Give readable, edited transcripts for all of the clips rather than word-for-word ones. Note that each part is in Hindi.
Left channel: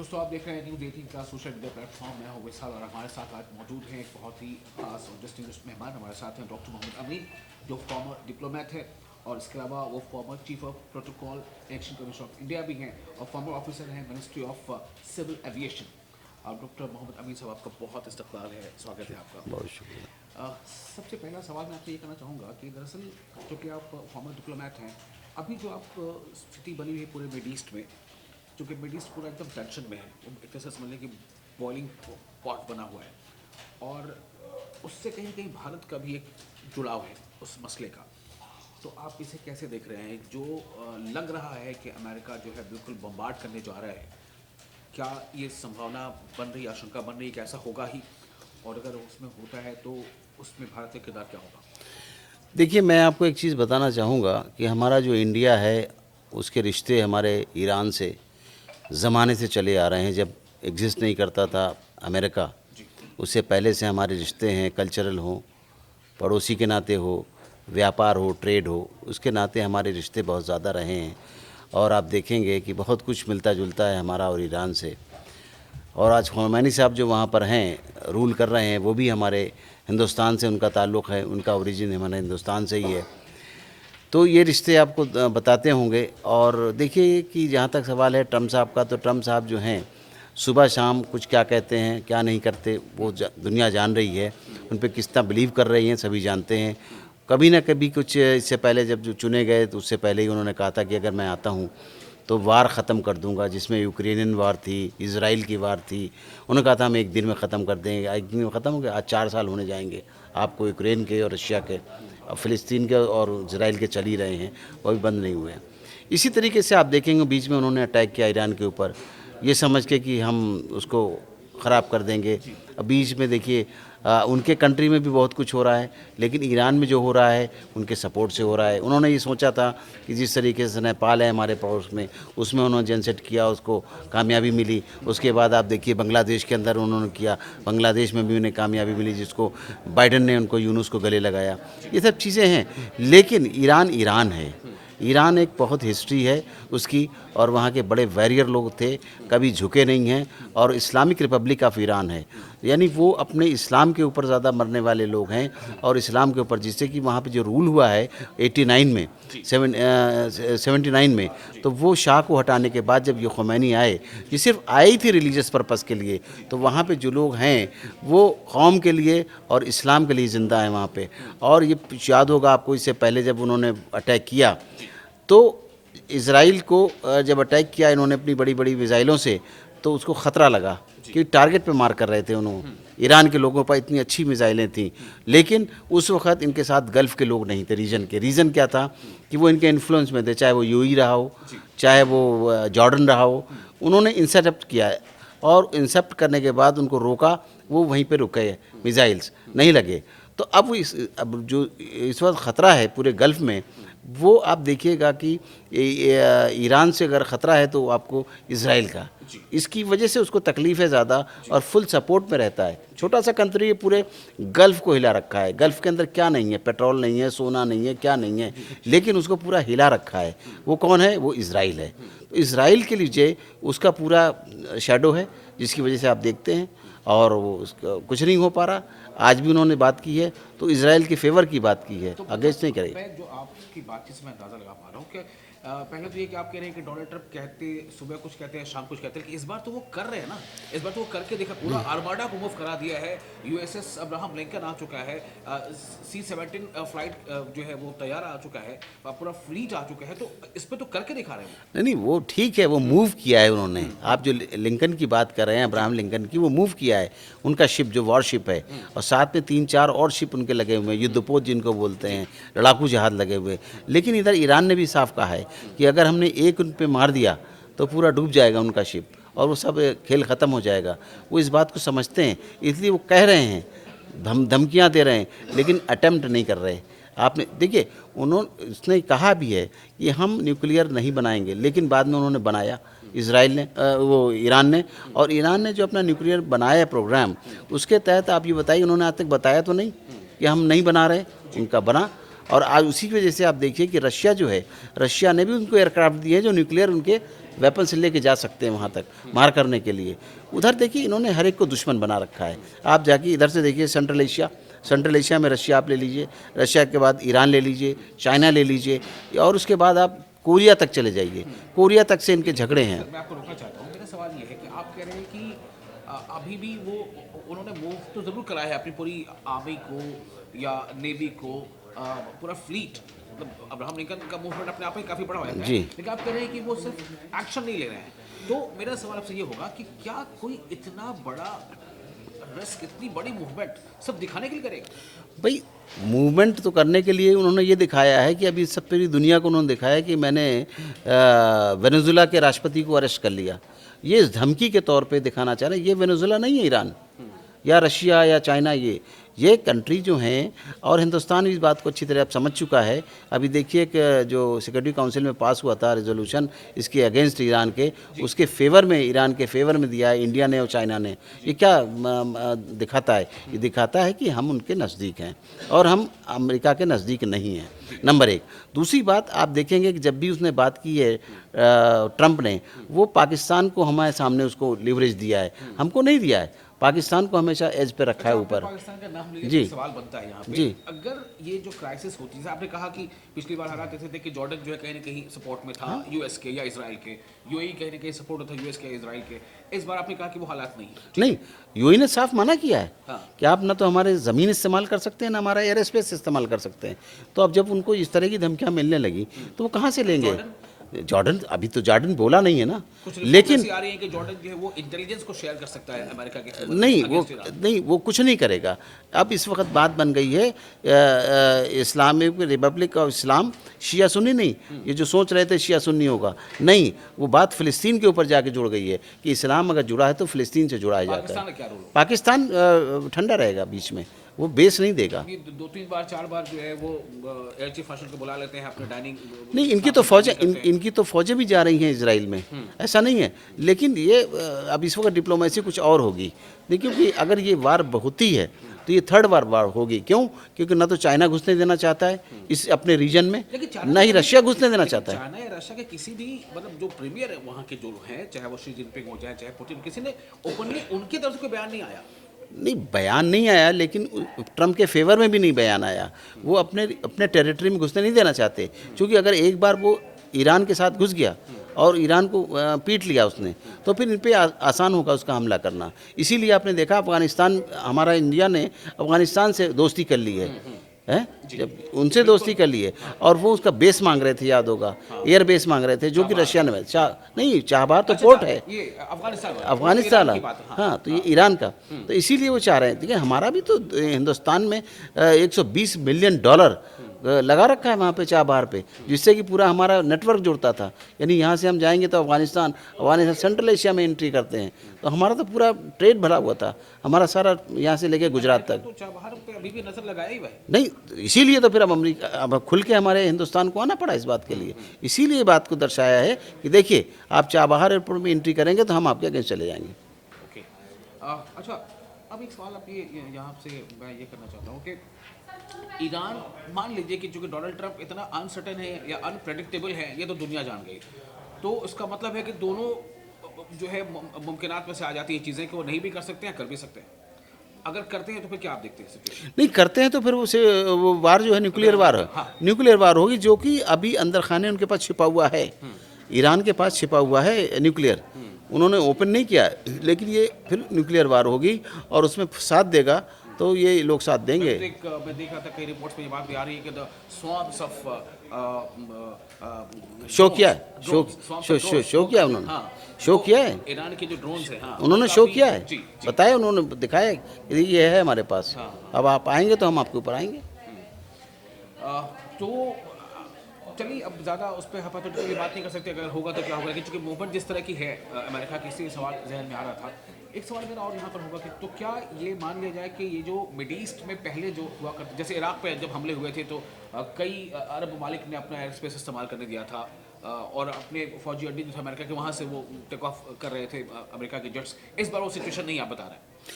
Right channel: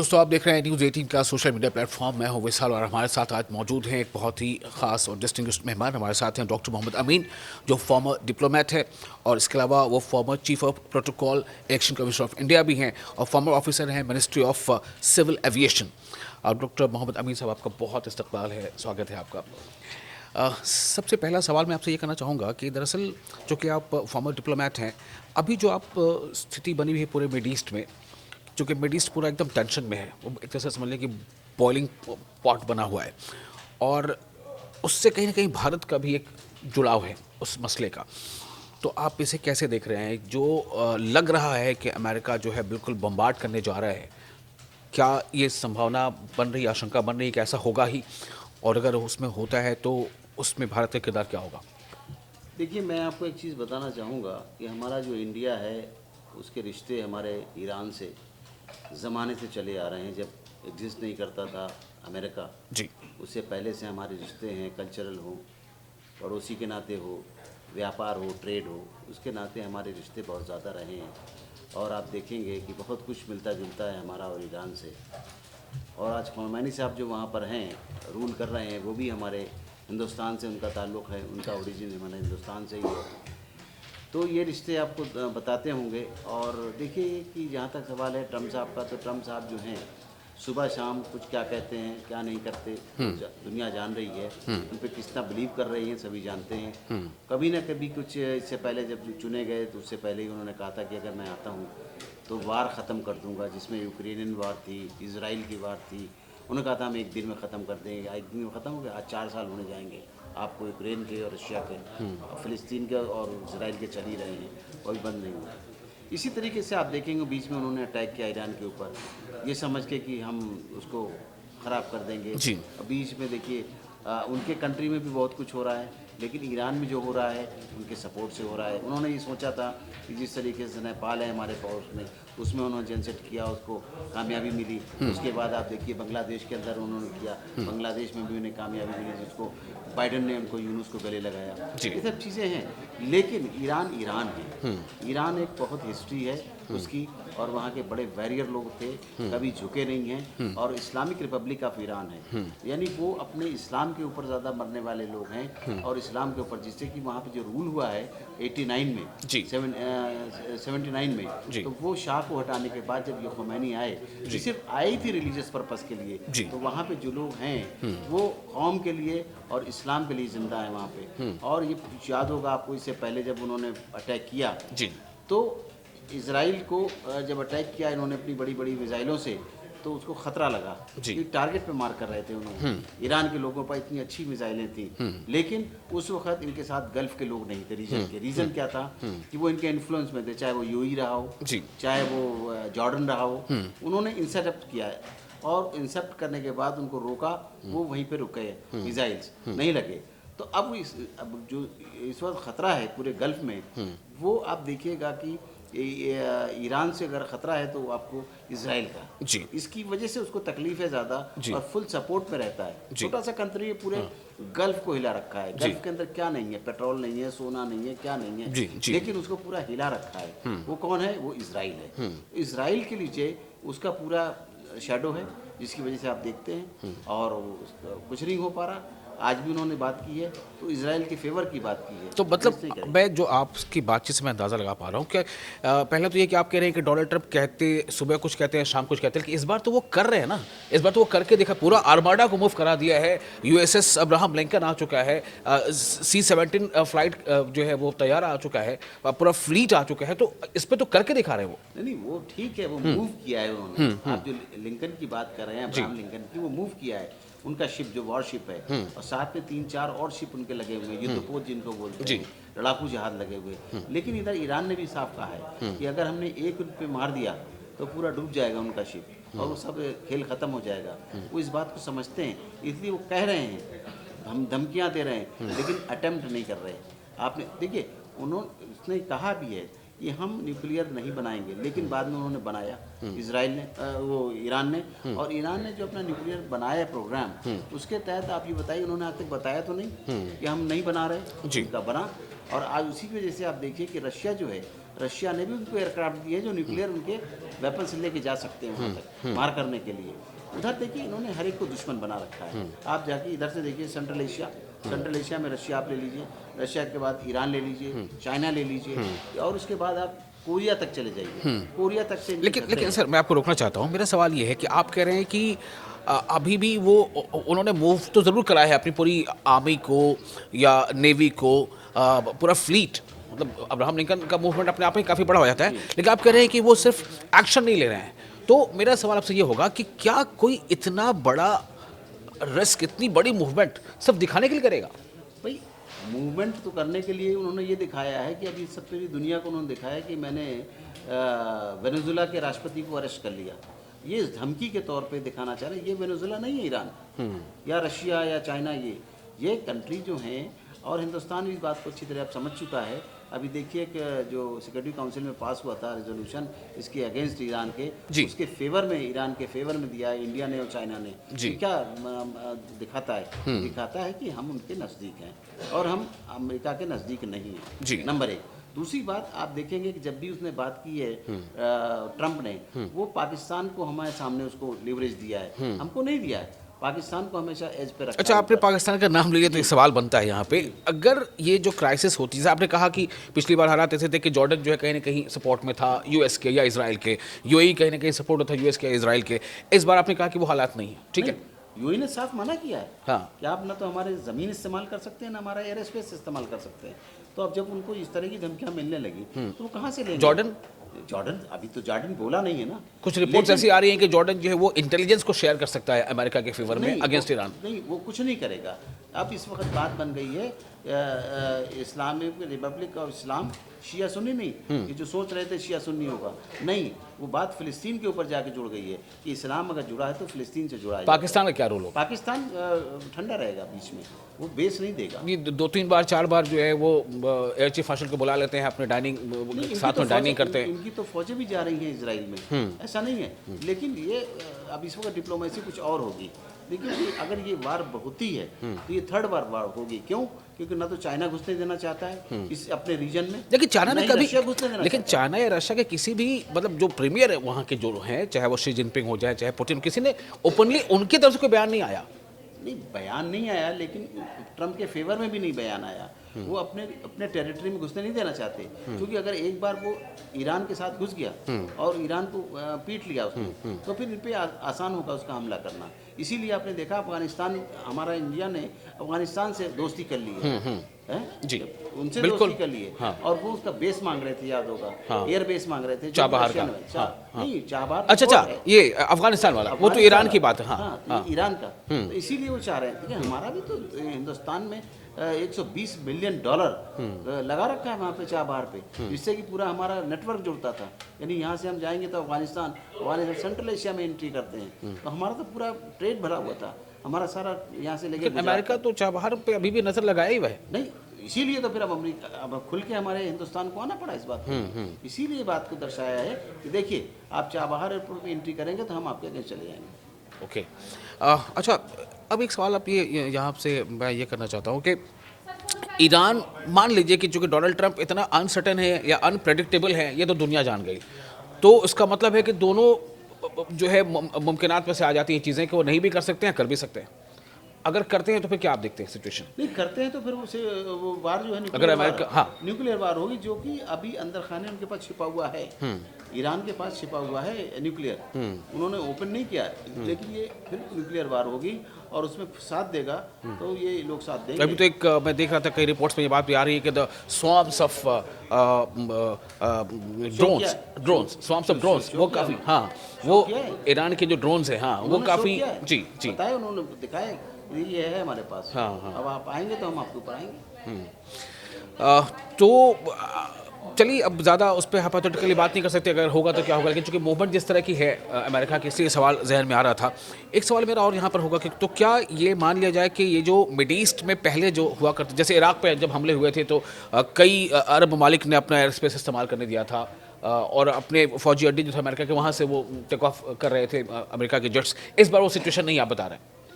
दोस्तों आप देख रहे हैं न्यूज़ 18 का सोशल मीडिया प्लेटफॉर्म। मैं हूं विशाल और हमारे साथ आज मौजूद हैं एक बहुत ही खास और डिस्टिंग्विश्ड मेहमान। हमारे साथ हैं डॉक्टर मोहम्मद अमीन, जो फॉर्मर डिप्लोमेट है और इसके अलावा वो former chief of protocol election commission of India भी हैं और फॉर्मर ऑफिसर हैं ministry of civil aviation. Doctor Mohammad अमीन साहब, आपका बहुत इस्तकबाल है, स्वागत है आपका। सबसे पहला सवाल मैं आपसे ये करना चाहूँगा कि दरअसल जो कि आप फॉर्मर डिप्लोमेट हैं, अभी जो आप स्थिति बनी हुई है पूरे मिड ईस्ट में, जो कि मिड ईस्ट पूरा एकदम टेंशन में है, वो एक तरह से समझ लें कि बॉइलिंग पॉट बना हुआ है और उससे कहीं ना कहीं भारत का भी एक जुड़ाव है उस मसले का। तो आप इसे कैसे देख रहे हैं? जो लग रहा है कि अमेरिका जो है बिल्कुल बम्बार्ड करने जा रहा है, क्या ये संभावना बन रही, आशंका बन रही है कि ऐसा होगा ही? और अगर उसमें होता है तो उसमें भारत का किरदार क्या होगा? देखिए, मैं आपको एक चीज़ बताना चाहूँगा कि हमारा जो इंडिया है, उसके रिश्ते हमारे ईरान से ज़माने से चले आ रहे हैं। जब एग्ज़िस्ट नहीं करता था अमेरिका, जी उससे पहले से हमारे रिश्ते हैं। कल्चरल हो, पड़ोसी के नाते हो, व्यापार हो, ट्रेड हो, उसके नाते हमारे रिश्ते बहुत ज़्यादा रहे हैं। और आप देखेंगे कि बहुत कुछ मिलता जुलता है हमारा और ईरान से। और आज खोमैनी साहब जो वहाँ पर हैं, रूल कर रहे हैं, वो भी हमारे हिंदुस्तान से उनका ताल्लुक़ है, उनका ओरिजिन हमारे हिंदुस्तान से ही है। तो ये रिश्ते आपको बताते होंगे। और देखिए कि जहाँ तक सवाल है ट्रम्प साहब का, तो ट्रम्प साहब जो हैं सुबह शाम कुछ क्या कहते हैं, क्या नहीं करते, वो दुनिया जान रही है। उन पे कितना बिलीव कर रही हैं सभी जानते हैं। कभी ना कभी कुछ इससे पहले जब जो चुने गए तो उससे पहले ही उन्होंने कहा था कि अगर मैं आता हूँ तो वार ख़त्म कर दूंगा, जिसमें यूक्रेनियन वार थी, इज़राइल की वार थी। उन्होंने कहा था हम एक दिन में ख़त्म कर देंगे। एक दिन में ख़त्म हो गया। आज 4 साल होने जाएंगे आपको, यूक्रेन के और रशिया के और फ़िलिस्तीन के और इज़राइल के चल ही रहे हैं, वो भी बंद नहीं हुए हैं। इसी तरीके से आप देखेंगे बीच में उन्होंने अटैक किया ईरान के ऊपर, ये समझ के कि हम उसको ख़राब कर देंगे। जी बीच में देखिए उनके कंट्री में भी बहुत कुछ हो रहा है, लेकिन ईरान में जो हो रहा है उनके सपोर्ट से हो रहा है। उन्होंने ये सोचा था कि जिस तरीके से नेपाल है हमारे पड़ोस में, उसमें उन्होंने जनसेट किया, उसको कामयाबी मिली। उसके बाद आप देखिए बांग्लादेश के अंदर उन्होंने किया, बांग्लादेश में भी उन्हें कामयाबी मिली, जिसको बाइडन ने उनको यूनुस को गले लगाया। ये सब चीज़ें हैं, लेकिन ईरान ईरान है। ईरान एक बहुत हिस्ट्री है उसकी, और वहाँ के बड़े वैरियर लोग थे, कभी झुके नहीं हैं। और इस्लामिक रिपब्लिक ऑफ ईरान है, यानी वो अपने इस्लाम के ऊपर ज़्यादा मरने वाले लोग हैं और इस्लाम के ऊपर, जिससे कि वहाँ पे जो रूल हुआ है 89 में, 79 में, तो वो शाह को हटाने के बाद जब ये खोमैनी आए, ये सिर्फ आए ही थे रिलीजियस पर्पज़ के लिए। तो वहाँ पे जो लोग हैं वो कौम के लिए और इस्लाम के लिए ज़िंदा है वहाँ पे। और ये याद होगा आपको, इससे पहले जब उन्होंने अटैक किया तो इज़राइल को जब अटैक किया इन्होंने अपनी बड़ी बड़ी मिसाइलों से, तो उसको ख़तरा लगा कि टारगेट पे मार कर रहे थे उन्होंने। ईरान के लोगों पर इतनी अच्छी मिसाइलें थी, लेकिन उस वक्त इनके साथ गल्फ़ के लोग नहीं थे रीजन के। रीज़न क्या था कि वो इनके इन्फ्लुएंस में थे, चाहे वो यूएई रहा हो, चाहे वो जॉर्डन रहा हो। उन्होंने इंटरसेप्ट किया है और इंटरसेप्ट करने के बाद उनको रोका, वो वहीं पे रुके, मिसाइल्स नहीं लगे। तो अब अब जो इस वक्त ख़तरा है पूरे गल्फ़ में, वो आप देखिएगा कि ईरान से अगर ख़तरा है तो आपको इज़राइल का, इसकी वजह से उसको तकलीफ़ है ज़्यादा और फुल सपोर्ट में रहता है। छोटा सा कंट्री है, पूरे गल्फ़ को हिला रखा है। गल्फ़ के अंदर क्या नहीं है, पेट्रोल नहीं है, सोना नहीं है, क्या नहीं है, लेकिन उसको पूरा हिला रखा है। वो कौन है? वो इज़राइल है। इज़राइल के लिए उसका पूरा शैडो है, जिसकी वजह से आप देखते हैं और वो उसका कुछ नहीं हो पा रहा। आज भी उन्होंने बात की है तो इजराइल के फेवर की बात की है, तो मतलब मैं जो आपकी बातचीत से मैं अंदाज़ा लगा पा रहा हूँ कि पहले तो ये कि आप कह रहे हैं कि डोनाल्ड ट्रंप कहते सुबह कुछ कहते हैं शाम कुछ कहते हैं, कि इस बार तो वो कर रहे हैं ना, इस बार तो वो करके देखा, पूरा आर्माडा को मूव करा दिया है। यूएसएस अब्राहम लिंकन आ चुका है, C-17 फ्लाइट जो है वो तैयार आ चुका है, पूरा फ्लीट आ चुका है, तो इस पर तो करके दिखा रहे हैं वो। नहीं, वो ठीक है, वो मूव किया है उन्होंने। आप जो लिंकन की बात कर रहे हैं, अब्राहम लिंकन की, वो मूव किया है। उनका शिप जो वॉरशिप है, और साथ में 3-4 और शिप उनके लगे हुए हैं, युद्धपोत जिनको बोलते हैं, लड़ाकू जहाज लगे हुए। लेकिन इधर ईरान ने भी साफ कहा है कि अगर हमने एक उन पे मार दिया तो पूरा डूब जाएगा उनका शिप और वो सब खेल ख़त्म हो जाएगा। वो इस बात को समझते हैं, इसलिए वो कह रहे हैं, धमकियाँ दे रहे हैं, लेकिन अटेम्प्ट नहीं कर रहे। आपने देखिए, उसने कहा भी है कि हम न्यूक्लियर नहीं बनाएंगे, लेकिन बाद में उन्होंने बनाया, इजराइल ने, वो ईरान ने। और ईरान ने जो अपना न्यूक्लियर बनाया प्रोग्राम, उसके तहत आप ये बताइए, उन्होंने आज तक बताया तो नहीं कि हम नहीं बना रहे, उनका बना। और आज उसी की वजह से आप देखिए कि रशिया जो है, रशिया ने भी उनको एयरक्राफ्ट दिए हैं जो न्यूक्लियर उनके वेपन्स लेके जा सकते हैं वहाँ तक मार करने के लिए। उधर देखिए इन्होंने हर एक को दुश्मन बना रखा है। आप जाके इधर से देखिए सेंट्रल एशिया में रशिया आप ले लीजिए, रशिया के बाद ईरान ले लीजिए, चाइना ले लीजिए, और उसके बाद आप कोरिया तक चले जाइए। कोरिया तक से इनके झगड़े हैं। सर मैं आपको रोकना चाहता हूँ। मेरा सवाल ये है कि आप कह रहे हैं कि अभी भी वो उन्होंने मूव तो ज़रूर करा है अपनी पूरी आर्मी को या नेवी को, पूरा फ्लीट, मतलब अब्राहम लिंकन का मूवमेंट अपने आप में काफ़ी बड़ा हो जाता है, लेकिन आप कह रहे हैं कि वो सिर्फ एक्शन नहीं ले रहे हैं। तो मेरा सवाल आपसे ये होगा कि क्या कोई इतना बड़ा रिस्क, इतनी बड़ी मूवमेंट सिर्फ दिखाने के लिए करेगा? भाई मूवमेंट तो करने के लिए उन्होंने ये दिखाया है कि अभी सब पूरी दुनिया को उन्होंने दिखाया कि मैंने वेनेजुला के राष्ट्रपति को अरेस्ट कर लिया। ये इस धमकी के तौर पे दिखाना चाह रहे हैं। ये वेनेजुला नहीं है ईरान या रशिया या चाइना, ये कंट्री जो हैं, और हिंदुस्तान भी इस बात को अच्छी तरह अब समझ चुका है। अभी देखिए कि जो सिक्योरिटी काउंसिल में पास हुआ था रेजोल्यूशन इसके अगेंस्ट ईरान के, उसके फेवर में, ईरान के फेवर में दिया है इंडिया ने और चाइना ने। ये क्या दिखाता है? दिखाता है कि हम उनके नज़दीक हैं और हम अमेरिका के नज़दीक नहीं हैं, नंबर एक। दूसरी बात आप देखेंगे कि जब भी उसने बात की है ट्रंप ने, वो पाकिस्तान को हमारे सामने उसको लिवरेज दिया है, हमको नहीं दिया है। पाकिस्तान को हमेशा एज पे रखा अच्छा, है। आपने पाकिस्तान का नाम लिया तो एक सवाल बनता है यहाँ पे, अगर ये जो क्राइसिस होती है, जैसे आपने कहा कि पिछली बार हालात ऐसे थे कि जॉर्डन जो है कहीं ना कहीं सपोर्ट में था यूएस के या इजराइल के, यूएई कहीं ना कहीं सपोर्ट था यूएस के या इजराइल के। इस बार आपने कहा कि वो हालात नहीं है। नहीं, यूएई ने साफ मना किया है कि आप ना तो हमारे ज़मीन इस्तेमाल कर सकते हैं ना हमारा एयर स्पेस इस्तेमाल कर सकते हैं। तो अब जब उनको इस तरह की धमकियां मिलने लगी तो वो कहाँ से लेंगे? जॉर्डन अभी तो जॉर्डन बोला नहीं है ना, कुछ रिपोर्ट्स ऐसी आ रही हैं कि जॉर्डन जो है वो इंटेलिजेंस को शेयर कर सकता है अमेरिका के फेवर में अगेंस्ट ईरान। नहीं, वो कुछ नहीं करेगा। अब इस वक्त बात बन गई है इस्लामिक रिपब्लिक ऑफ इस्लाम शिया सुन्नी नहीं, ये जो सोच रहे थे शिया सुन्नी होगा, नहीं, वो बात फ़िलिस्तीन के ऊपर जाके जुड़ गई है कि इस्लाम अगर जुड़ा है तो फ़िलिस्तीन से जुड़ा है। पाकिस्तान का क्या रोल होगा? पाकिस्तान ठंडा रहेगा बीच में, वो बेस नहीं देगा। ये 2-3 बार 4 बार जो है वो एयर चीफ मार्शल को बुला लेते हैं अपने डाइनिंग। नहीं, इनकी तो फौजें भी जा रही हैं इजराइल में, ऐसा नहीं है। लेकिन ये अब इस वक्त डिप्लोमेसी कुछ और होगी। देखिए कि अगर ये वार होती है तो ये थर्ड वार होगी। क्यों? क्योंकि ना तो चाइना घुसने देना चाहता है इस अपने रीजन में, लेकिन चाइना ना ही रशिया घुसने देना चाहता है। चाइना या रशिया के किसी भी मतलब जो प्रीमियर है वहाँ के जो हैं, चाहे वो शी जिनपिंग हो जाए चाहे पुतिन, किसी ने ओपनली उनकी तरफ से कोई बयान नहीं आया। नहीं, बयान नहीं आया, लेकिन ट्रम्प के फेवर में भी नहीं बयान आया। वो अपने टेरिटरी में घुसने नहीं देना चाहते, क्योंकि अगर एक बार वो ईरान के साथ घुस गया और ईरान को पीट लिया उसने, तो फिर इन पे आसान होगा उसका हमला करना। इसीलिए आपने देखा अफगानिस्तान, हमारा इंडिया ने अफगानिस्तान से दोस्ती कर ली है, उनसे दोस्ती कर ली है। और वो उसका बेस मांग रहे थे, याद होगा, एयर बेस मांग रहे थे, जो कि रशिया ने नहीं, चाबहार तो पोर्ट है, ये अफगानिस्तान वाला, वो तो ईरान की बात है। हाँ, तो ये ईरान का, तो इसीलिए वो चाह रहे हैं। देखिए हमारा भी तो हिंदुस्तान में $120 मिलियन लगा रखा है वहाँ पे चाबहार पे, जिससे कि पूरा हमारा नेटवर्क जुड़ता था। यानी यहाँ से हम जाएंगे तो अफगानिस्तान सेंट्रल एशिया में एंट्री करते हैं, तो हमारा तो पूरा ट्रेड भरा हुआ था, हमारा सारा यहाँ से लेके गुजरात तक। तो चाबहार पे अभी भी नजर लगाया ही हुआ है। नहीं, इसीलिए तो फिर अब खुल के हमारे हिंदुस्तान को आना पड़ा इस बात के लिए। इसीलिए बात को दर्शाया है कि देखिए आप चाबहार एयरपोर्ट में एंट्री करेंगे तो हम आपके अगेंस्ट चले जाएंगे। ओके, अच्छा, अब एक सवाल आप ये यहाँ से मैं ये करना चाहता हूँ कि ईरान, मान लीजिए कि चूँकि डोनाल्ड ट्रंप इतना अनसर्टेन है या अनप्रेडिक्टेबल है, ये तो दुनिया जान गई, तो इसका मतलब है कि दोनों जो है मुमकिनात में से आ जाती है चीज़ें कि वो नहीं भी कर सकते हैं, कर भी सकते हैं। अगर करते हैं तो फिर क्या आप देखते हैं सिचुएशन? नहीं करते हैं तो फिर वो वार जो है न्यूक्लियर वार होगी, जो कि अभी अंदर खाने उनके पास छिपा हुआ है। ईरान के पास छिपा हुआ है न्यूक्लियर, उन्होंने ओपन नहीं किया है, लेकिन ये फिर न्यूक्लियर वार होगी और उसमें साथ देगा तो ये लोग साथ देंगे। तो एक मैं देख रहा था कई रिपोर्ट्स में ये बात भी आ रही है कि द स्वैम्स ऑफ शो किया, शो किया उन्होंने, हाँ, शो किया है ईरान के जो ड्रोन्स हैं, हाँ, उन्होंने शो किया है, जी, बताया, उन्होंने दिखाया कि ये है हमारे पास। अब आप आएंगे तो हम आपके ऊपर आएंगे। तो चलिए, अब ज़्यादा उस पर हाइपोथेटिकली बात नहीं कर सकते, अगर होगा तो क्या होगा, लेकिन चूंकि मूवमेंट जिस तरह की है अमेरिका की, इसलिए सवाल जहन में आ रहा था। एक सवाल मेरा और यहाँ पर होगा कि तो क्या ये मान लिया जाए कि ये जो मिड ईस्ट में पहले जो हुआ करते, जैसे इराक पे जब हमले हुए थे तो कई अरब ममालिक ने अपना एयर स्पेस इस्तेमाल करने दिया था और अपने फौजी अड्डे जो थे अमेरिका के, वहाँ से वो टेक ऑफ कर रहे थे अमेरिका के जेट्स। इस बार वो सिचुएशन नहीं आप बता रहे हैं?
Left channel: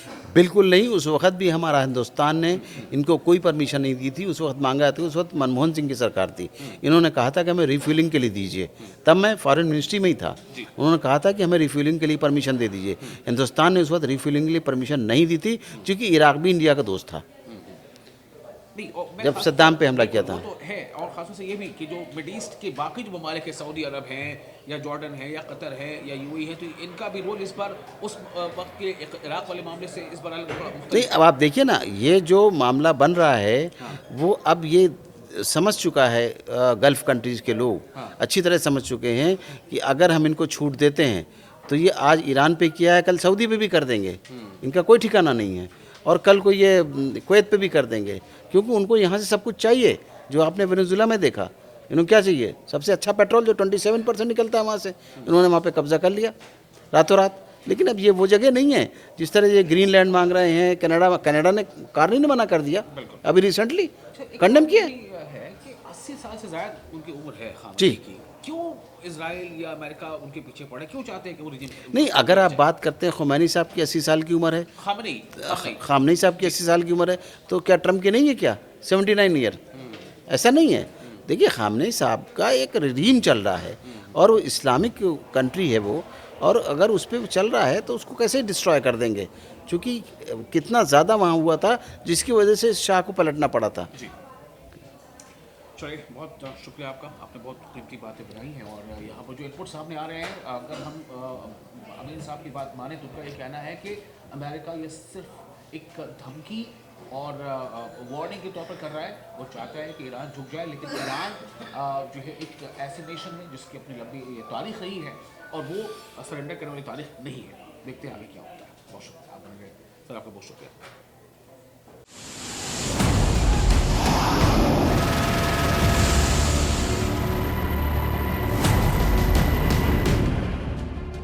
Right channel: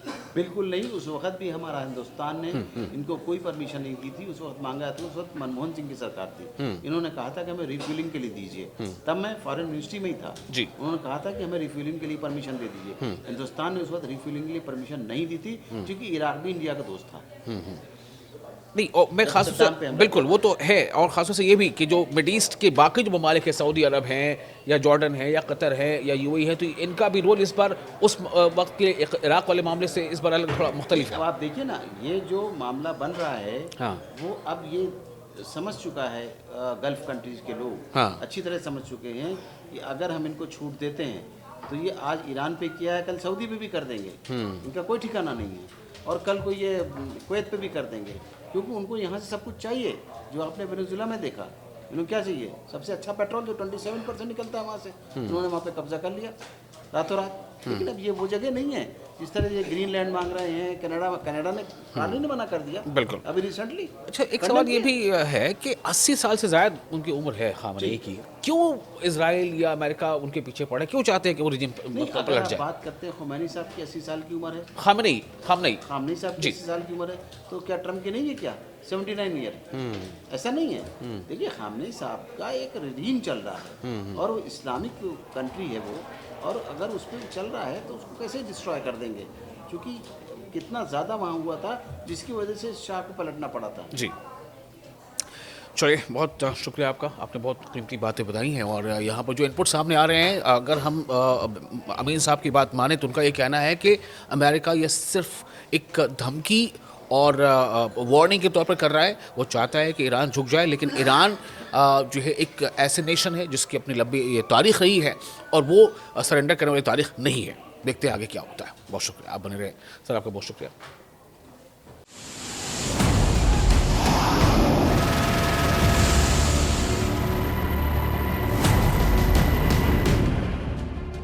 बिल्कुल नहीं, उस वक्त भी हमारा हिंदुस्तान ने इनको कोई परमिशन नहीं दी थी। उस वक्त मांगा था, उस वक्त मनमोहन सिंह की सरकार थी। इन्होंने कहा था कि हमें रिफ्यूलिंग के लिए दीजिए, तब मैं फॉरेन मिनिस्ट्री में ही था। जी। उन्होंने कहा था कि हमें रिफ्यूलिंग के लिए परमिशन दे दीजिए। हिंदुस्तान ने उस वक्त रिफ्यूलिंग के लिए परमिशन नहीं दी थी, क्योंकि इराक भी इंडिया का दोस्त था। नहीं, और मैं जब खास सद्दाम पे हमला बिल्कुल किया वो था। तो है, और खास तौर से ये भी कि जो मिड ईस्ट के बाकी जो ममालिक है, सऊदी अरब हैं या जॉर्डन है या कतर है या यूएई है, तो इनका भी रोल इस बार उस वक्त के इराक वाले मामले से इस बार अलग थोड़ा नहीं, मुख्तलिफ अब आप देखिए ना, ये जो मामला बन रहा है, हाँ। वो अब ये समझ चुका है, गल्फ कंट्रीज़ के लोग हाँ। अच्छी तरह समझ चुके हैं कि अगर हम इनको छूट देते हैं तो ये आज ईरान पे किया है, कल सऊदी पे भी कर देंगे। इनका कोई ठिकाना नहीं है। और कल को ये कुवैत पे भी कर देंगे, क्योंकि उनको यहाँ से सब कुछ चाहिए। जो आपने वेनेजुला में देखा, इन्होंने क्या चाहिए? सबसे अच्छा पेट्रोल जो 27% निकलता है वहाँ से, इन्होंने वहाँ पे कब्जा कर लिया रातों रात। लेकिन अब ये वो जगह नहीं है जिस तरह ये ग्रीनलैंड मांग रहे हैं। कनाडा ने कार्नी ने मना कर दिया बिल्कुल। अभी रिसेंटली। अच्छा, एक सवाल ये भी है कि 80 साल से ज़्यादा उनकी उम्र है खामनेई जी। की, क्यों इजराइल या अमेरिका उनके पीछे पड़ा, क्यों चाहते हैं कि वो रिजिम नहीं, अगर आप बात करते हैं खुमैनी साहब की 80 साल की उम्र है, खामनेई खामनेई साहब की 80 साल की उम्र है, तो क्या ट्रम्प की नहीं है क्या 79 ईयर? ऐसा नहीं है। देखिए, खामनेई साहब का एक रिजीम चल रहा है और वो इस्लामिक कंट्री है वो, और अगर उस पर चल रहा है तो उसको कैसे डिस्ट्रॉय कर देंगे? क्योंकि कितना ज़्यादा वहाँ हुआ था जिसकी वजह से शाह को पलटना पड़ा था। जी। चलिए, बहुत शुक्रिया आपका, आपने बहुत कीमती बातें बताई हैं। और यहाँ पर जो इनपुट सामने आ रहे हैं, अगर हम अमीन साहब की बात माने तो उनका ये कहना है कि अमेरिका ये सिर्फ एक धमकी और वार्निंग के तौर पर कर रहा है। वो चाहता है कि ईरान झुक जाए, लेकिन ईरान जो है एक ऐसे नेशन है जिसकी अपनी लंबी ये तारीख रही है और वो सरेंडर करने वाली तारीख नहीं है। देखते हैं आगे क्या होता है। बहुत शुक्रिया, आप बने रहे सर, आपका बहुत शुक्रिया।